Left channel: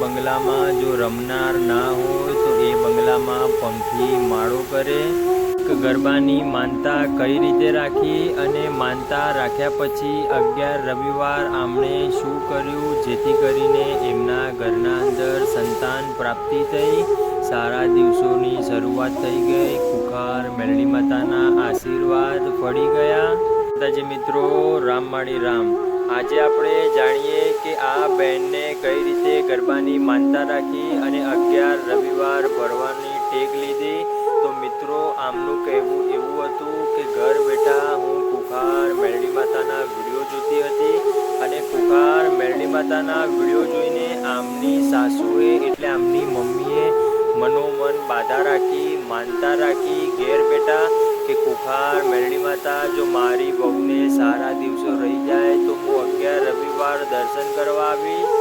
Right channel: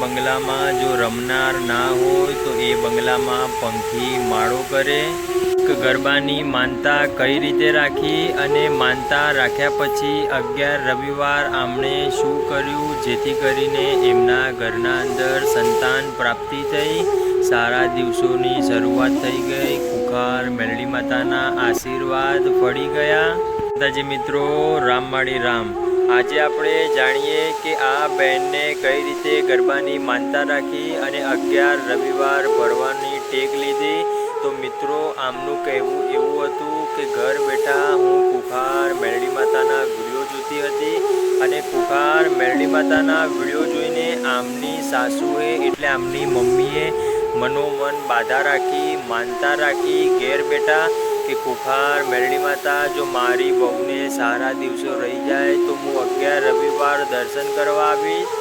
બંગલામાં જો રમનાર ના હોય તો એ બંગલામાં પંખી માળો કરે। ગરબાની માનતા કઈ રીતે રાખી અને માનતા રાખ્યા પછી 11 રવિવાર આમણે શું કર્યું જેથી કરીને એમના ઘરના અંદર સંતાન પ્રાપ્તિ થઈ, સારા દિવસોની શરૂઆત થઈ ગઈ, ખુખાર મેલડી માતાના આશીર્વાદ ફળી ગયા। માતાજી મિત્રો, રામમાળી રામ। આજે આપણે જાણીએ કે આ બહેનને કઈ રીતે ગરબાની માનતા રાખી અને 11 રવિવાર ભરવાની ટેક લીધી। તો મિત્રો, આમનું કહેવું એવું હતું કે ઘર બેઠા હું ખુખાર મેલડી માતાના વિડીયો જોતી હતી અને ખુખાર મેલડી માતાના વિડીયો જોઈને આમની સાસુએ એટલે આમની મમ્મીએ મનોમન બાધા રાખી, માનતા રાખી ઘેર બેઠા કે ખુખાર મેલડી માતા જો મારી બહુને સારા દિવસો રહી જાય તો હું 11 રવિવાર દર્શન કરવા આવીશ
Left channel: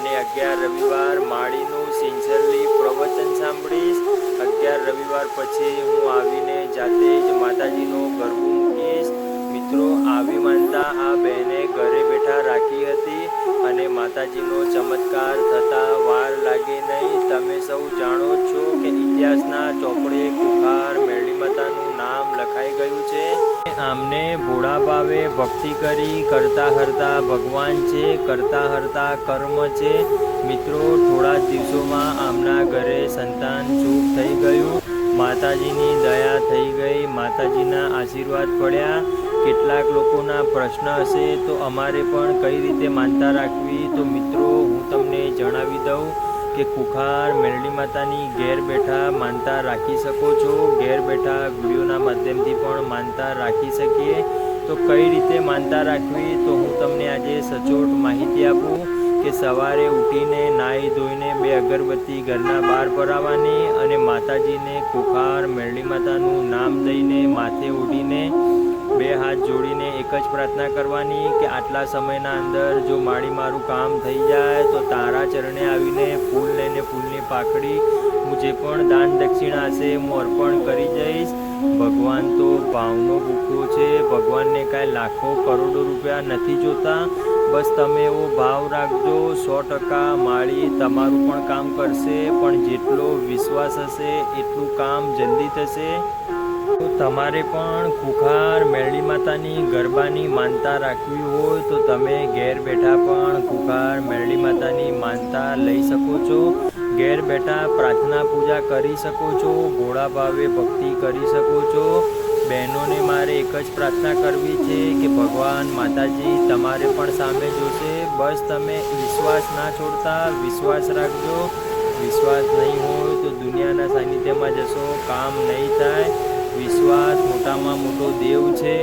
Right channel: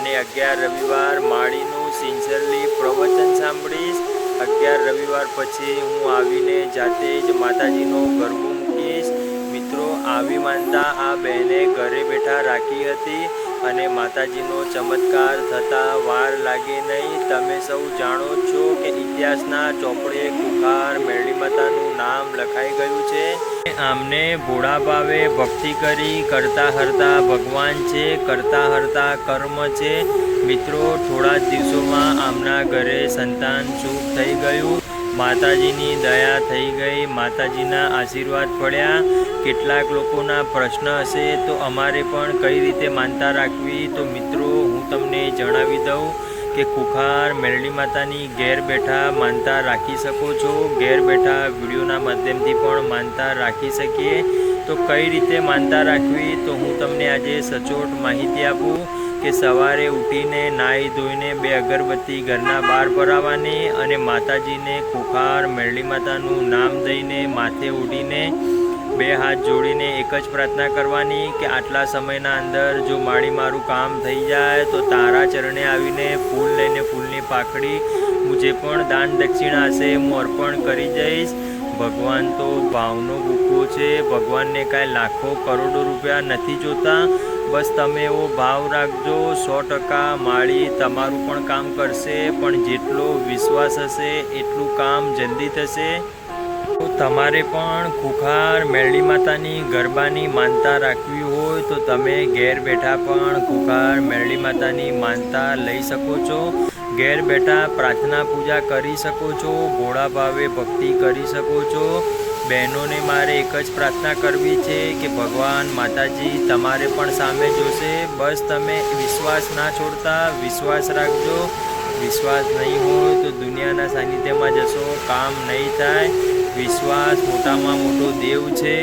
અને 11 રવિવાર માળીનું સિન્સિયરલી પ્રવચન સાંભળીશ। 11 રવિવાર પછી હું આવીને જાતે જ માતાજીનો ગરબો મૂકીશ। મિત્રો, આવી માનતા આ બહેને ઘરે બેઠા રાખી હતી અને માતાજીનો ચમત્કાર થતાં વાર લાગે નહીં। તમે સૌ જાણો છો કે ઇતિહાસના ચોપડે ખુખાર મેલડી માતાનું નામ લખાઈ ગયું છે। આમને ભોળા ભાવે ભક્તિ કરી, કરતા હરતા ભગવાન છે, કરતા હરતા કર્મ છે। મિત્રો, થોડા જ દિવસોમાં આમના ઘરે સંતાન સુખ થઈ ગયું, માતાજીની દયા થઈ ગઈ, માતાજીના આશીર્વાદ પડ્યા। કેટલાક લોકોના પ્રશ્ન હશે તો અમારે પણ કઈ રીતે માનતા રાખવી, તો મિત્રો હું તમને જણાવી દઉં કે ખુખાર મેલડી માતાની ઘેર બેઠા માનતા રાખી શકો છો। ઘેર બેઠા વિડીયોના માધ્યમથી પણ માનતા રાખી શકીએ। તો કઈ રીતે માનતા રાખવી તો હું તમને આજે સચોટ માહિતી આપું કે સવારે ઉઠીને નાહી ધોઈને 2 અગરબત્તી ઘરના બહાર ભરાવવાની અને માતાજીને ખુખાર મેલડી માતાનું નામ દઈને માથે ઓઢીને 2 હાથ જોડીને એક જ પ્રાર્થના કરવાની કે આટલા સમયના અંદર જો મારી મારું કામ થઈ જાય તો તારા ચરણે આવીને ફૂલ લઈને ફૂલની પાકડી હું જે પણ દાન દક્ષિણા હશે હું અર્પણ કરી જઈશ। ભગવાન તો ભાવનો ભૂખો છે, ભગવાનને કાંઈ લાખો કરોડો રૂપિયા નથી જોતા। બસ તમે એવો ભાવ રાખજો, 100% માળી તમારું પણ કામ કરશે, પણ જેટલો વિશ્વાસ હશે એટલું કામ જલ્દી થશે। તો તમારે પણ ખુખાર મેલડી માતાની ગરબાની માનતા રાખવી હોય તો તમે ઘેર બેઠા પણ ખુખાર મેલડી માતાની માનતા લઈ શકો છો। ઘેર બેઠા પ્રાર્થના પૂજા કરી શકો છો, ભોળા ભાવે ભક્તિ કરી શકો છો। બહેનોને મારે એક જ પ્રાર્થના કરવી છે કે ભગવાન માતાજી તમારે પણ સામે જોશે। બસ તમે વિશ્વાસ ના છોડતા, વિશ્વાસ રાખજો। વિશ્વાસ નહીં હોય તો દુનિયાના સાનિધ્યમાં જશો, કામ નહીં થાય। વિશ્વાસ મોટામાં મોટો દેવ છે।